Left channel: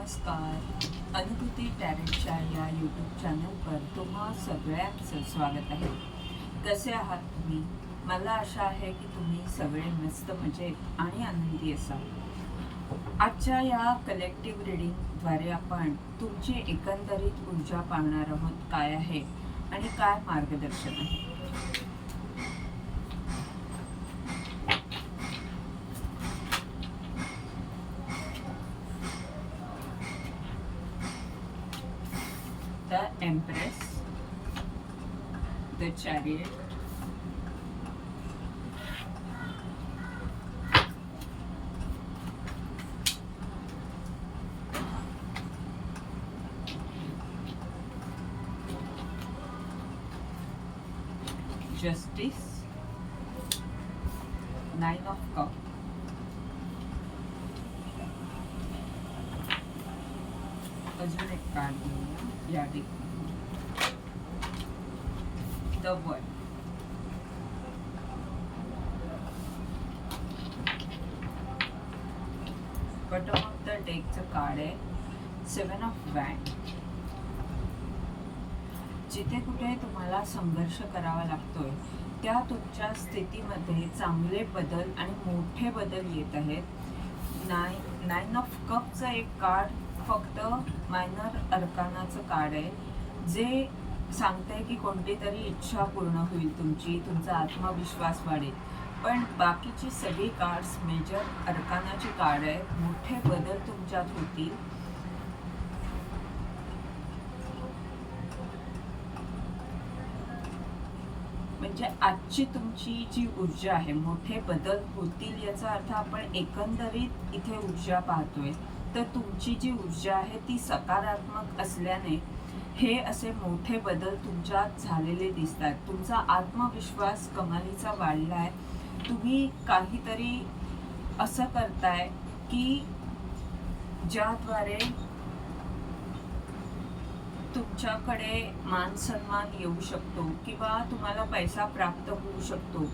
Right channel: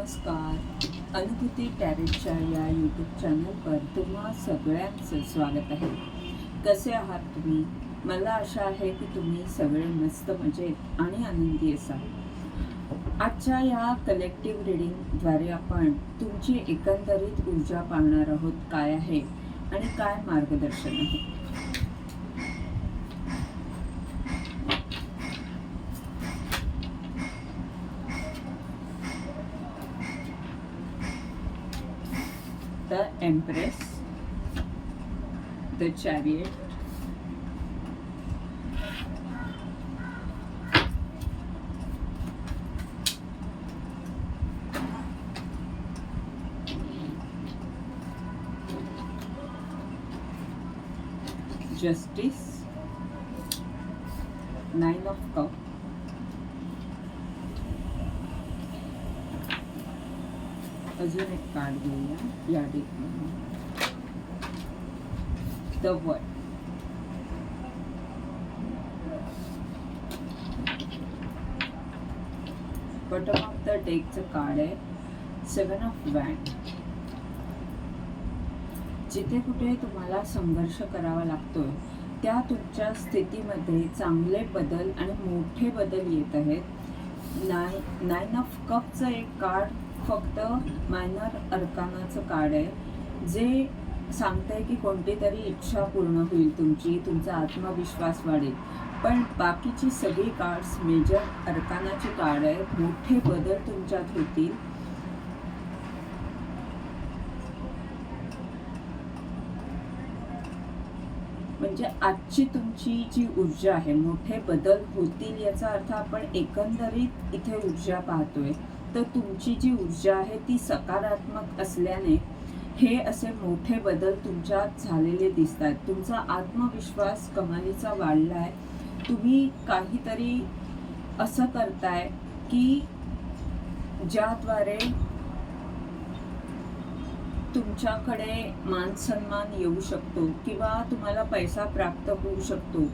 नमस्कार. अनुभूती टॅरेटच्या या यूट्यूब चॅनलवर तुम्हा सगळ्यांचं स्वागत आहे. कसे आहात तुम्ही? मला आशा आहे की तुम्ही सगळे मस्त मजेत आणि आनंदी असाल. आजच्या या कलेक्टिव्ह रिडिंगद्वारे आपण तुमची एकंदरीत ऊर्जा पाहणार आहोत काय आहे आणि काय मार्गदर्शन आहे. The Empress, the Chariot, Justice, अजून एक कार्ड घेऊया. या ठिकाणी the word bottom of the डेकचं card आहे. सेवन ऑफ वॅन जिथे कुठे तुम्हाला संघर्ष करावा लागतोय त्या तुमच्या स्थितीमध्ये चांगले बदल आणि मोठे बदल येत आहेत. नाय नाईन ऑफ कपचं एक कार्ड फक्त मायनर अर्कानाचं कार्ड आहे. जे सांगतंय की कोणती तरी इच्छा पूर्ण होईल तुमची तुमचा आत्मविश्वास वाढेल. पण बाकीची सगळी कार्ड्स मेजर अर्कानाची कार्ड आहेत मोठे बदल तुमच्यात होतील. म्हणजे आजची तुमची जी ऊर्जा आहे मोठे बदल होतील याचा अर्थ आपण एकंदरीत इथे ऊर्जा पाहतोय. तर तुमची जी ऊर्जा आहे ती सकारात्मक असल्याने हे असे मोठे बदल तुमच्यात झालेले दिसत आहेत तुमचा आत्मविश्वास कमालीचा आहे तुम्ही काहीतरी असं करताय की ज्याद्वारे तुमच्याकडे मान सन्मान येऊ शकतो किंवा तुम्हाला पैसा प्राप्त होऊ शकतो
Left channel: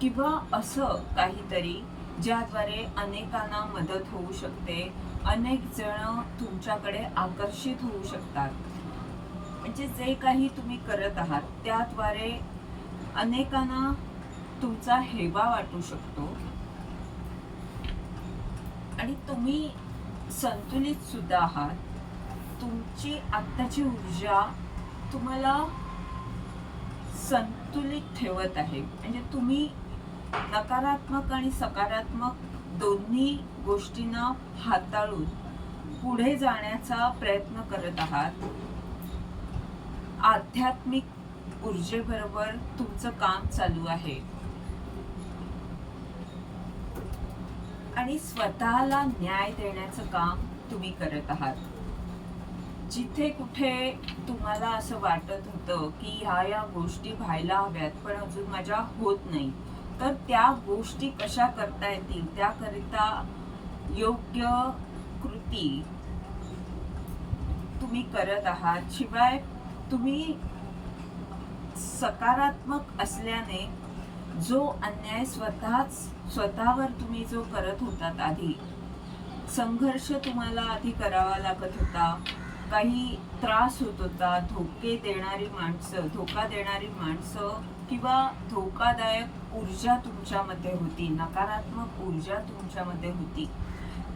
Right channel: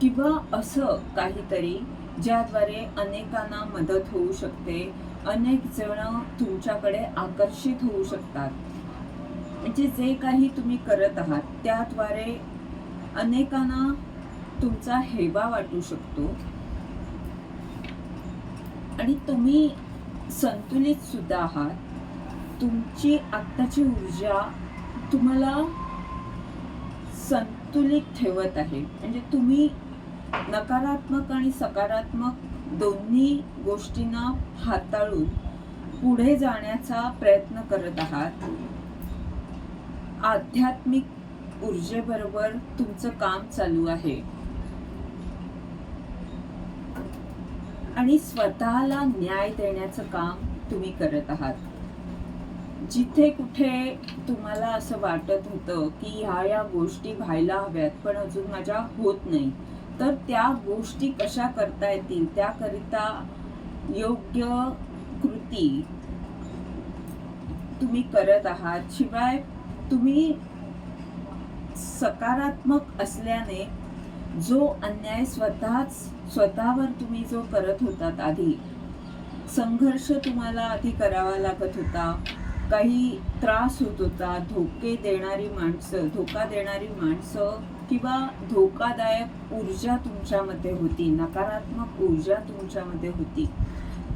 किंवा असं काहीतरी ज्याद्वारे अनेकांना मदत होऊ शकते. अनेक जण तुमच्याकडे आकर्षित होऊ शकतात. म्हणजे जे काही तुम्ही करत आहात त्याद्वारे अनेकांना तुमचा हेवा वाटू शकतो. आणि तुम्ही संतुलित सुद्धा आहात. तुमची आत्ताची ऊर्जा तुम्हाला संतुलित ठेवत आहे. म्हणजे तुम्ही नकारात्मक आणि सकारात्मक दोन्ही गोष्टींना हाताळून पुढे जाण्याचा प्रयत्न करत आहात. आध्यात्मिक ऊर्जेबरोबर तुमचं काम चालू आहे. आणि स्वतःला न्याय देण्याचं काम तुम्ही करत आहात. जिथे कुठे तुम्हाला असं वाटत होतं की ह्या या गोष्टी व्हायला हव्यात पण अजून माझ्या होत नाही तर त्या गोष्टी कशा करता येतील? त्याकरिता योग्य कृती तुम्ही करत आहात. शिवाय तुम्ही सकारात्मक असल्याने जो अन्याय स्वतःच स्वतःवर तुम्ही जो करत होतात आधी संघर्ष तुम्हाला आधी करावा लागत होता. काही त्रास होत होता. धोके देणारी माणसं धोका देणारी माणसं किंवा धोकादायक ऊर्जा तुमच्यामध्ये होती नकारात्मक ऊर्जा तुमच्यामध्ये होती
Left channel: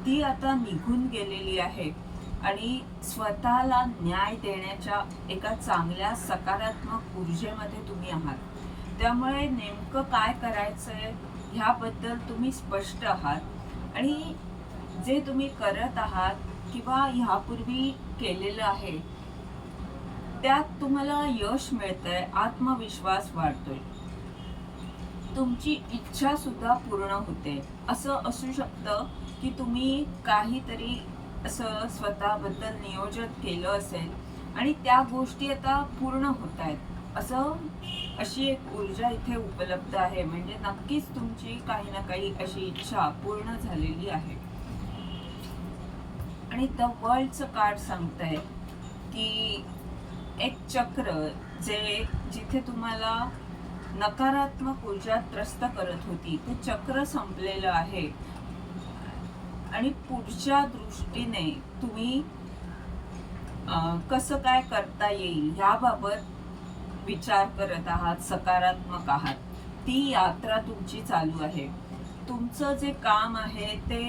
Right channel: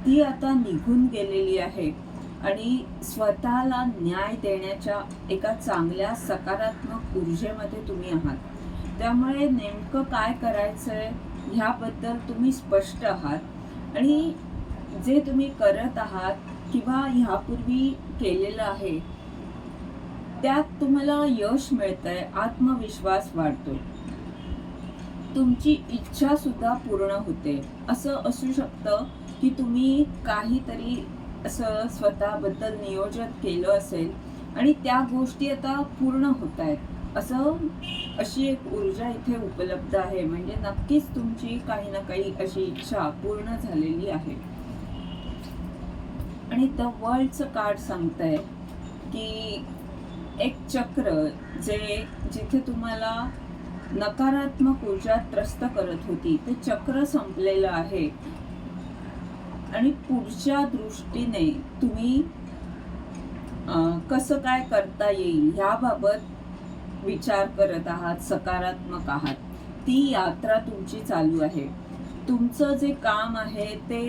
ती आता निघून गेलेली आहे. आणि स्वतःला न्याय देण्याच्या एका चांगल्या सकारात्मक ऊर्जेमध्ये तुम्ही आहात. त्यामुळे नेमकं काय करायचं आहे ह्याबद्दल तुम्ही स्पष्ट आहात. आणि जे तुम्ही करत आहात किंवा ह्यापूर्वी केलेलं आहे त्यात तुम्हाला यश मिळतंय आत्मविश्वास वाढतोय. तुमची इच्छा सुद्धा पूर्ण होते. असं असू शकतं की तुम्ही काहीतरी असं स्वतःबद्दल नियोजन केलं असेल आणि त्या गोष्टी आता पूर्ण होत आहेत असं अशी एक ऊर्जा इथे उपलब्ध आहे. म्हणजे नक्कीच तुमची काही ना काही अशी इच्छा पूर्ण झालेली आहे. आणि द वर्ल्डचं कार्ड सांगतंय की एक चक्र जे जिथे तुम्हाला नकारात्मक ऊर्जा त्रस्त करत होती ते चक्र संपलेलं आहे. आणि पुढच्या दृष्टीने तुम्ही कसं काय करता येईल ह्याबाबत विचार करत आहात सकारात्मक आहात. ती यात्रा तुमची चालू आहे. तुमचं जे काम आहे ते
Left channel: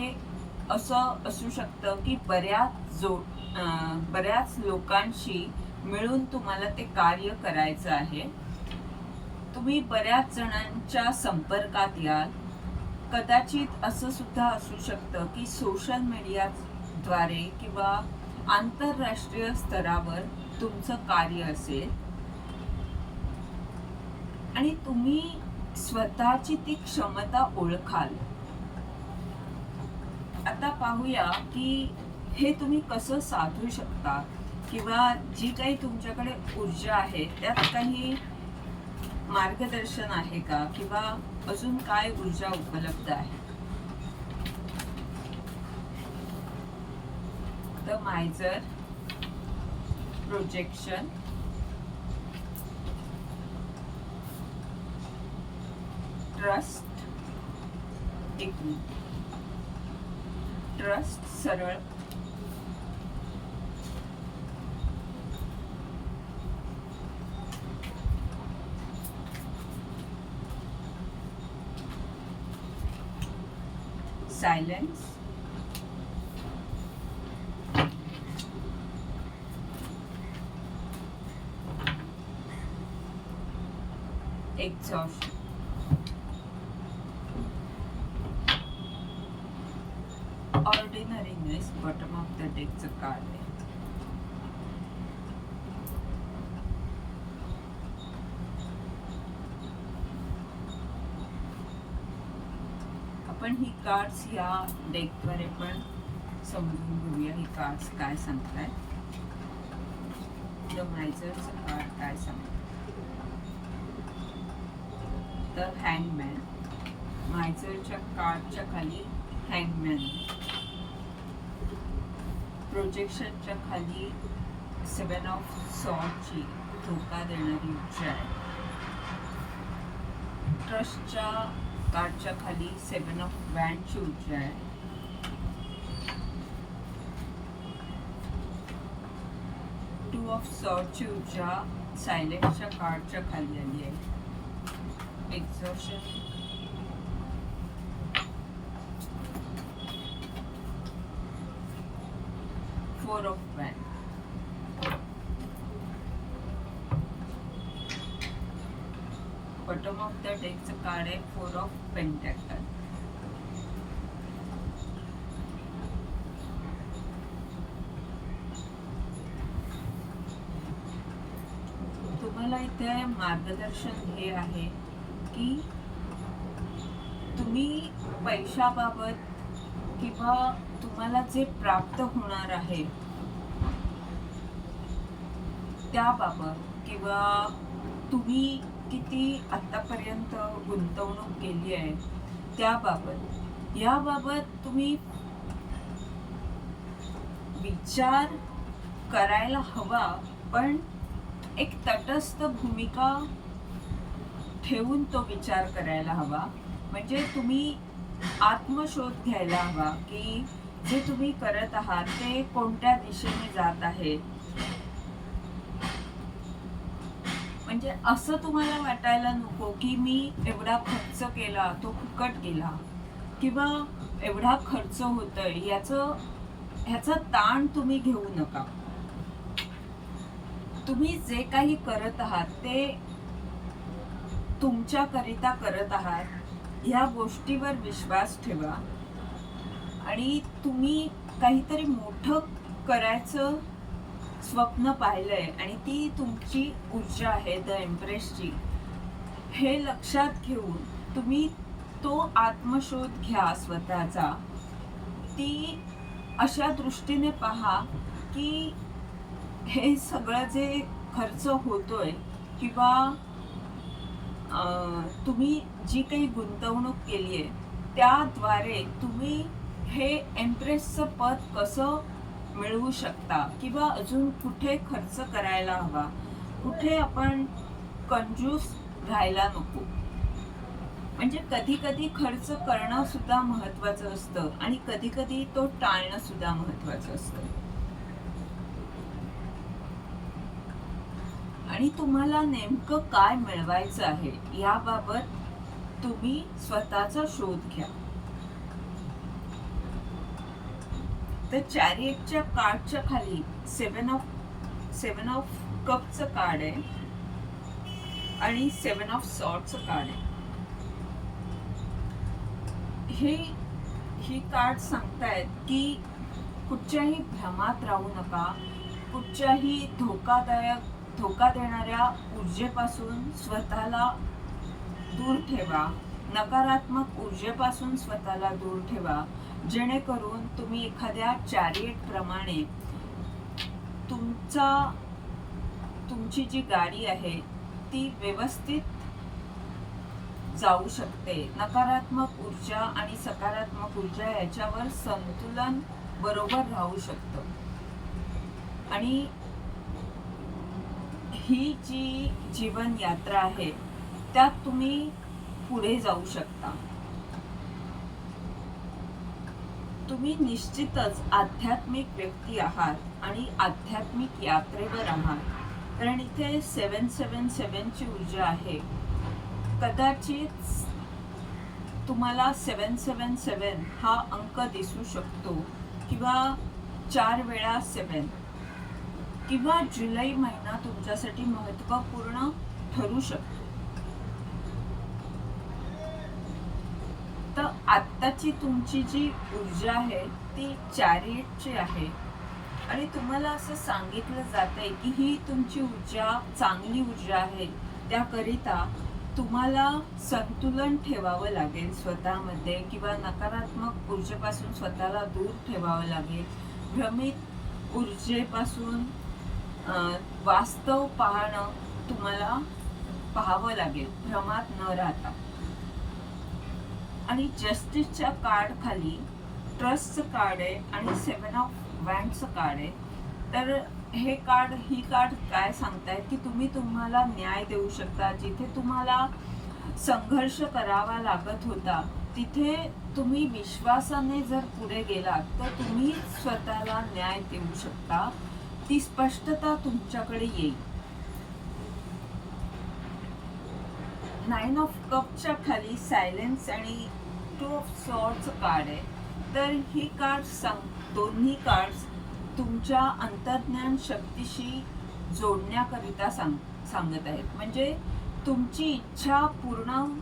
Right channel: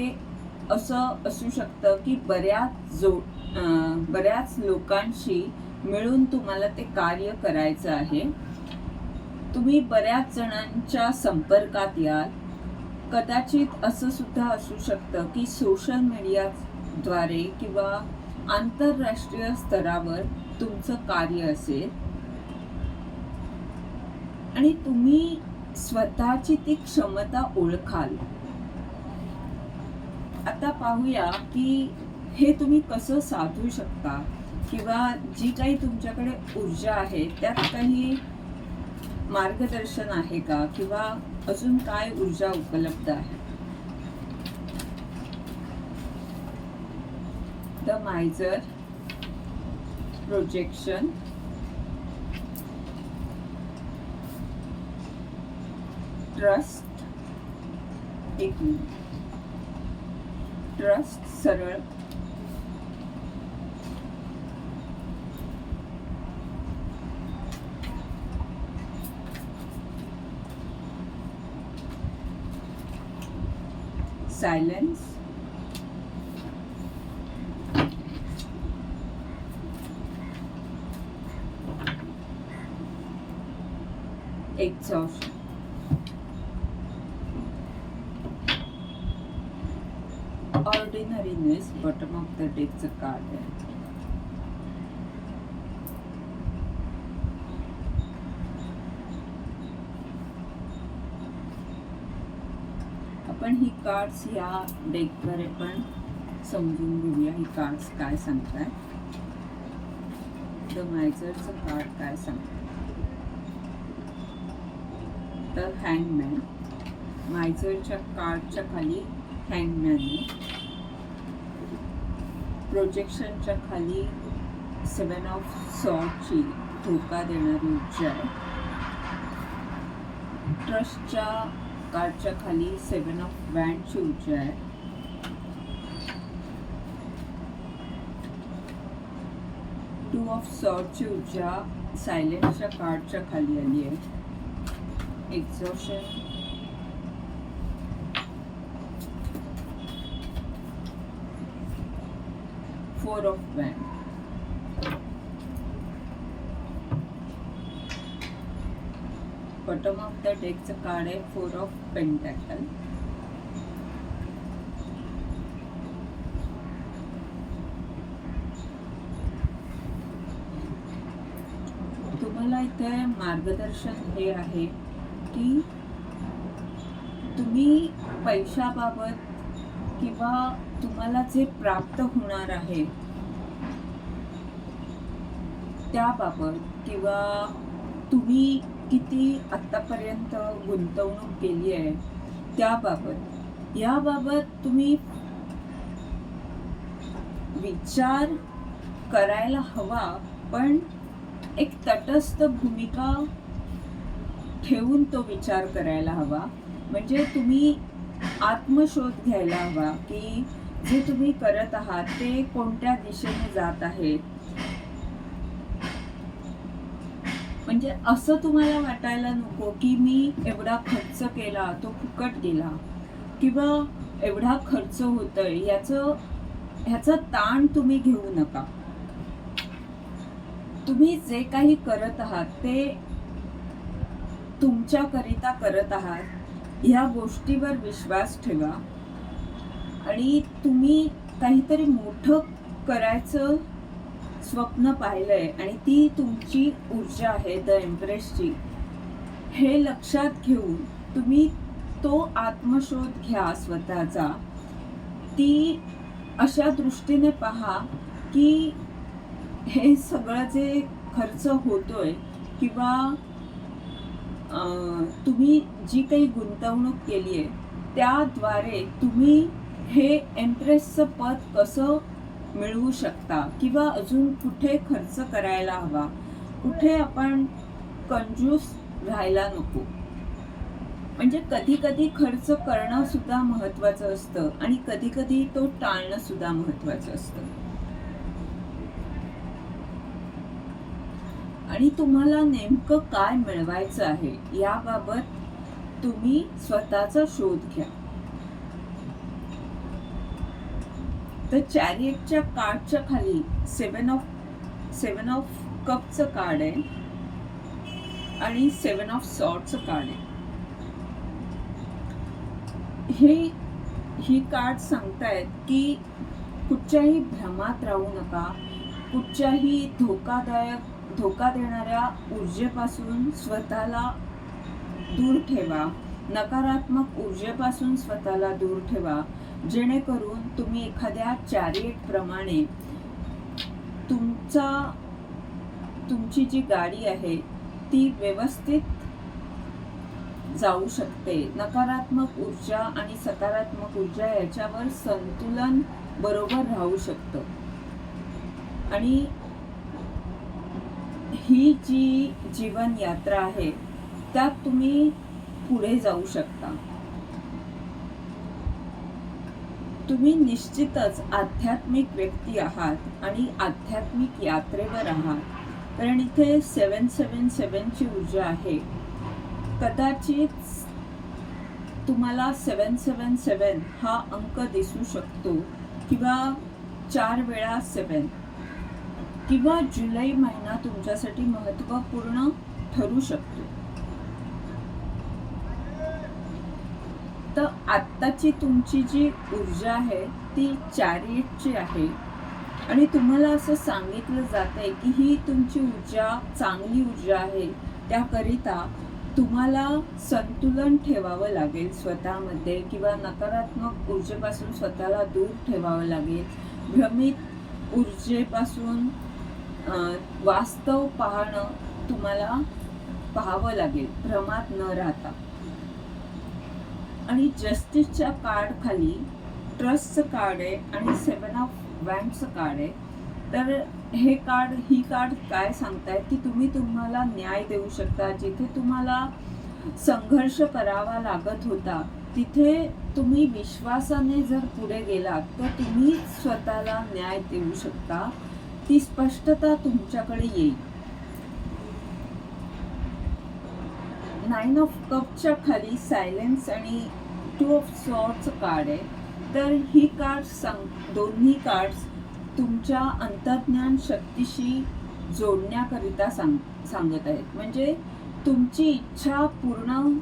असं असू शकतं की बऱ्याच जो अं, बऱ्याच लोकांशी मिळून तुम्हाला ते कार्य करायचं आहे. तुम्ही बऱ्याच जणांच्या संपर्कात याल. कदाचित असं सुद्धा असू शकतं की सोशल मीडियाद्वारे किंवा आंतरराष्ट्रीय स्तरावर तुमचं कार्य असेल. आणि तुम्ही स्वतःची ती क्षमता ओळखाल. आता पाहूया की हे तुम्ही कसं साधू शकता? किंवा जी काही तुमच्याकडे ऊर्जा आहे त्यात काही मार्गदर्शन आहे का? किंवा अजून काय ऊर्जा उपलब्ध आहे? द मायझर प्रोजेक्शन ट्रस्ट एक ट्रस्ट सरळ. silence. Exhaustion. Ordinariness, bottom of the deck, the card. आपण ही कार्ड्स या डेकद्वारे पण समजून घेऊया ही कार्ड्स काय सांगताय. द मायझरचं कार्ड काय सांगतं तर हँगमॅन मायझरच्या कार्डच्या खाली हँगमॅन प्रोजेक्शनच्या खाली सेवन ऑफ सॉटची धोका देणारी ऊर्जा आहे ट्रस्टच्या कार्डच्या खाली सेवन ऑफ़ वॅनची ऊर्जा आहे टू ऑफ़ सॉटची ऊर्जा सायलेंटच्या कार्डच्या खाली आली आहे. Exhaustion four of bottom of of the the card आहे Four ऑफ पेंटॅकल तुम्हाला इथे मार्गदर्शन हे आहे की तुम्ही पैशाबाबत किंवा तुम्हाला जे प्राप्त होणार आहे त्याबाबत किंवा तुम्ही किती आत्तापर्यंत गुंतवणूक केली आहे त्याबाबत याबाबत तुम्ही विचार करायला हवा पण एक तटस्थ भूमिका ठेवून तो विचार करायला हवा. म्हणजे तुम्ही आत्मशोध घ्यायला हवा की जे तुम्ही करत आहात ते कोणत्या दिशेने जात आहेत? म्हणजे असं तुम्हाला वाटायला नको की मी एवढा खर्च केला तो फुकट गेला. किंवा एवढा खर्च होतोय याचं ह्याचा ताण तुम्ही घेऊ नका. तुम्ही जे काही करत आहात ते तुमच्याकरिता करत आहात ह्या गोष्टीवर विश्वास ठेवा. आणि तुम्ही काहीतरी मोठं करायचं स्वप्न पाहिलंय आणि ती तुमची ऊर्जा आहे द एम्प्रेसची हे लक्षात घेऊन तुम्ही तो आत्मशोध घ्या स्वतःचा. ती अशा दृष्टीने पहा की हे सगळं जे खर्च होतोय किंवा तुम्ही जी काही गुंतवणूक केली आहे त्याद्वारे तुम्ही हे एम्प्रेसचं पद कसं मिळवू शकता किंवा अजून कुठे खर्च करायला हवा कुठे आपण कंजूस राहायला नको. म्हणजे कधी कधी खर्च करणं सुद्धा महत्वाचं असतं आणि कधी कधी तो टाळणं सुद्धा महत्वाचं असतं. आणि तुम्हाला नेमकं काय मिळवायचं आहे याबाबत तुम्ही स्वतःचा शोध घ्या. तर चॅरियटच्या कार्डच्या खाली सेवन ऑफ सेवन ऑफ कपचं कार्ड आहे आणि सेवन ऑफ सॉर्टचं कार्ड आहे. हे ही कार्ड सांगतायत की कुठच्याही भ्रमात राहू नका. कुठच्याही धोकादायक धोका देणाऱ्या ऊर्जेपासून स्वतःला दूर ठेवा. नकारात्मक ऊर्जेपासून स्वतःला दूर ठेवा. जेणेकरून तुम्ही एखाद्या चॅरिएटप्रमाणे तुमचा तुमची जी गाडी आहे ती व्यवस्थित जाऊ शकते. नकारात्मक ऊर्जा आणि सकारात्मक ऊर्जा याच्यावर संतुलन बरोबर राहू शकतं. आणि ही जी जीवन यात्रा आहे त्यात तुम्ही पुढे जाऊ शकता. तुम्ही निश्चितच आध्यात्मिक व्यक्ती आहात आणि आध्यात्मिक यात्रेवर आहात. कारण इथे सेवन सेवन सेवनची ऊर्जा आहे. कदाचित तुम्हाला सेवन सेवन सेवन हा अंक दिसू शकतो किंवा चार वेळा सेवन किंवा जुलै महिना तुमच्यासाठी महत्त्वपूर्ण ठरू शकतो तर आत्ताची तुमची जी ऊर्जा आहे ती चॅरियटची आहे. आणि तुम्हाला असं सांगितलं जात आहे की ही तुमची ऊर्जा चांगली ऊर्जा आहे. त्याकरिता तुम्हाला संतुलन ठेवावं लागेल स्वतःमध्ये किंवा नकारात्मक ऊर्जेपासून स्वतःला दूर ठेवावं लागेल. भ्रमित ऊर्जेपासून वास्तव पाहणं तुम्हाला पाहावं लागेल. भ्रमात न राहता. आणि जस्टिसच्या कार्ड खाली ट्रस्टचं कार्ड आहे आणि सेवन ऑफ वँडचं कार्ड आहे. तर हे कार्ड ही कार्ड काय सांगतायत? की तुम्ही तुम्हाला न्याय देऊ शकता. जिथे तुम्हाला संघर्ष करावा लागत होता तिथे तुम्ही विश्वासाने जर पुढे गेलात तर तुम्ही स्वतःला न्याय देऊ शकता. ती स्पष्टता तुमच्याकडे येईल. नाईन ऑफ कपच्या खाली सायलेन्स आणि टू ऑफ सॉर्टचं कार्ड आहे. तर ही कार्ड सांग दोन्ही कार्ड्स तुमच्या अंतर्ज्ञान शक्तीशी जोडण्याकरिता सांग सांगत आहेत. म्हणजे तुमची इच्छा पूर्ण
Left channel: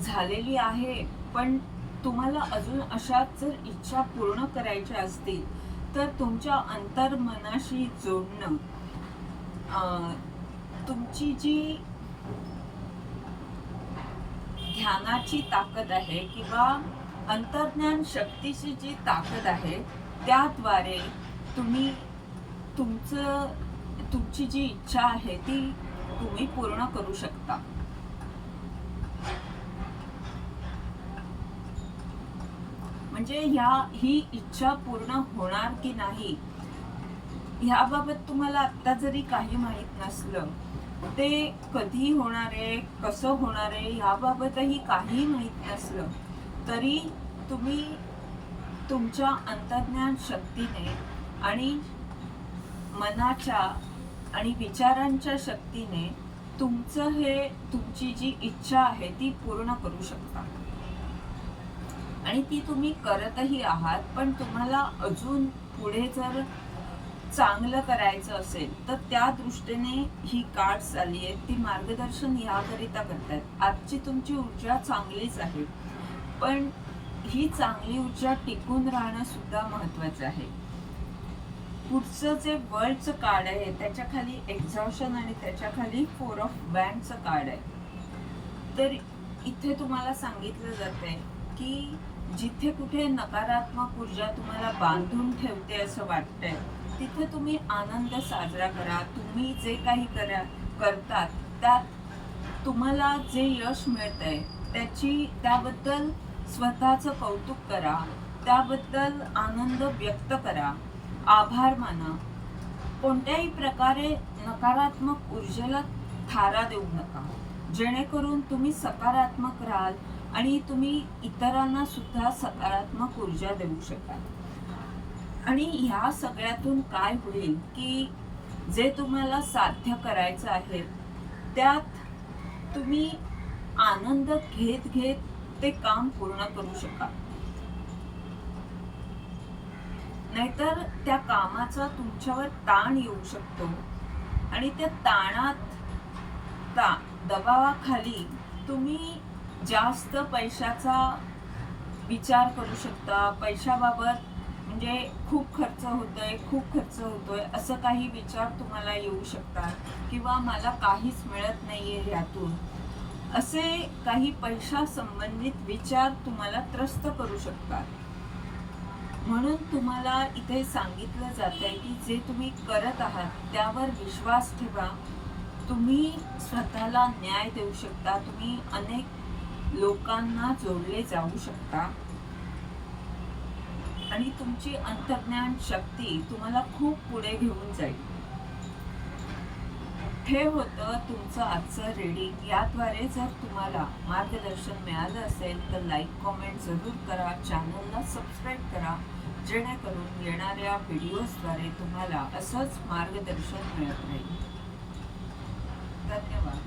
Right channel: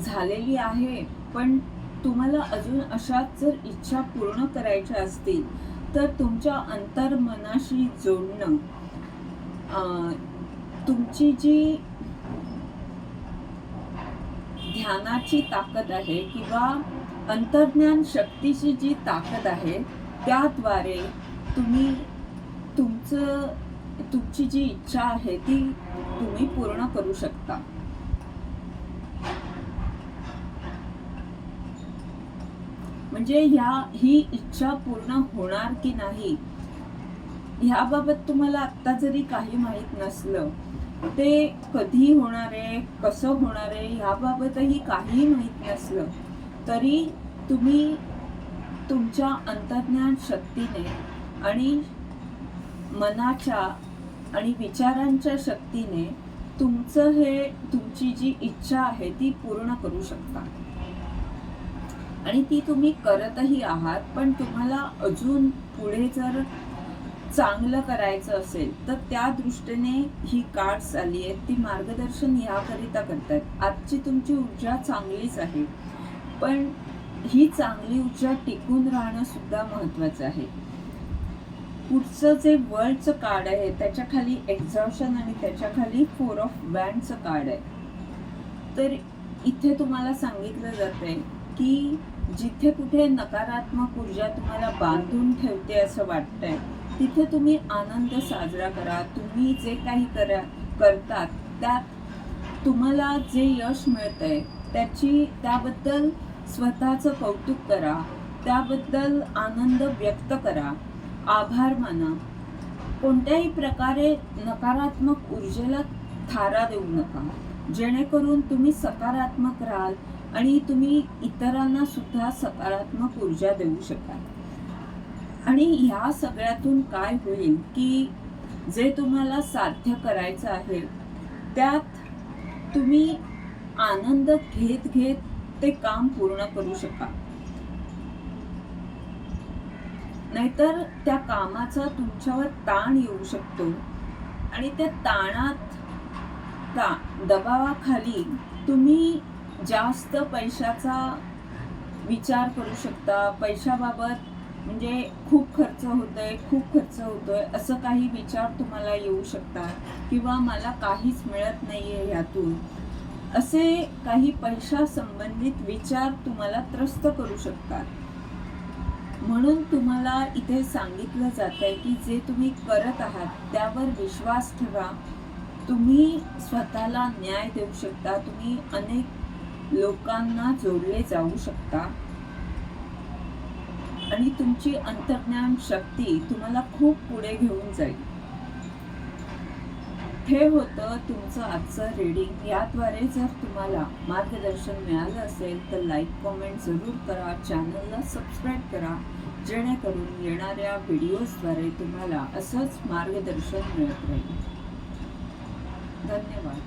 झालेली आहे पण तुम्हाला अजून अशाच जर इच्छा पूर्ण करायच्या असतील तर तुमच्या अंतर्मनाशी जोडणं तुमची जी ध्यानाची ताकद आहे किंवा अंतर्ज्ञान शक्तीची जी ताकद आहे त्याद्वारे तुम्ही तुमचं तुमची जी इच्छा आहे ती तुम्ही पूर्ण करू शकता. म्हणजे ह्या ही इच्छा पूर्ण होणार की नाही ह्याबाबत तुम्हाला आत्ता जरी काही माहीत नसलं ते कधी होणार आहे कसं होणार आहे ह्याबाबतही काही माहीत नसलं तरी तुम्ही तुमच्या अंतर्ज्ञान शक्तीने आणि मनाच्या आणि विचारांच्या शक्तीने तुमचं हे तुमची जी इच्छा आहे ती पूर्ण करू शकता. आणि ती तुम्ही करतही आहात पण तुम्हाला अजून पुढे जर चांगलं करायचं असेल तर त्या दृष्टीने ही कार्ड्स आली आहेत ती मार्गदर्शन याकरिता करतात. आजची तुमची ऊर्जा चांगलीच आहे. पण ही चांगली ऊर्जा टिकून राहणं सुद्धा महत्वाचं आहे. पुढचं जे वर्ल्डचं कार्ड आहे त्याच्याखाली एक्झॉशन आणि त्याच्याखाली फोर ऑफ वॅनचं कार्ड आहे. तर इथे तुम्हाला सांगितलं जात आहे की जिथे कुठे नकारात्मक ऊर्जा तुम्हाला बांधून ठेवते असं वाटतंय तिथे तुम्ही आनंद साजरा करा. तुम्ही जे काही करा करतात त्यात तुम्हाला जे यश मिळतंय त्याची त्याबद्दल स्वतःचं कौतुक करा. त्याबद्दल आनंद व्यक्त करा. आभार माना. कोणत्याही प्रकारे नकारात्मक ऊर्जेला थारा देऊ नका. जेणेकरून तुम्ही सकारात्मक राहाल आणि तुम्ही इतरांना सुद्धा सकारात्मक ऊर्जा देऊ शकाल. आणि ह्या सगळ्यातून काय होईल की जे तुम्हाला साध्य करायचं आहे त्यात तुम्ही आनंद घेत घेत ते काम पूर्ण करू शकाल. नाहीतर त्या कामाचा तुमच्यावर ताण येऊ शकतो आणि त्या ताणात ता दबावाखाली तुम्ही जास्त पैशाचा विचार करू शकता. पैशाबाबत म्हणजे खूप खर्च होतोय खूप खर्च होतोय असं काही विचार तुम्हाला येऊ शकतात किंवा मला काहीच मिळत नाहीये ह्यातून असे काही पैशा संबंधित विचार तुम्हाला त्रस्त करू शकतात. म्हणून तुम्हाला इथे सांगितलं जात आहे की जे तुम्ही करत आहात त्यावर विश्वास ठेवा. तुम्ही स्वतःला न्याय देऊ शकता तुम्ही अनेक लोकांना जोडले जाऊ शकता. आणि तुमची अंतर्ज्ञान शक्ती तुम्हाला खूप पुढे घेऊन जाईल. हे होतं तुमचं आजचं रीडिंग याद्वारे जर तुम्हाला मार्गदर्शन मिळालं असेल तर लाईक कॉमेंट जरूर करा. चॅनलला सबस्क्राईब करा. जेणेकरून येणाऱ्या व्हिडिओजद्वारे तुम्हाला असंच मार्गदर्शन मिळत राहील. धन्यवाद.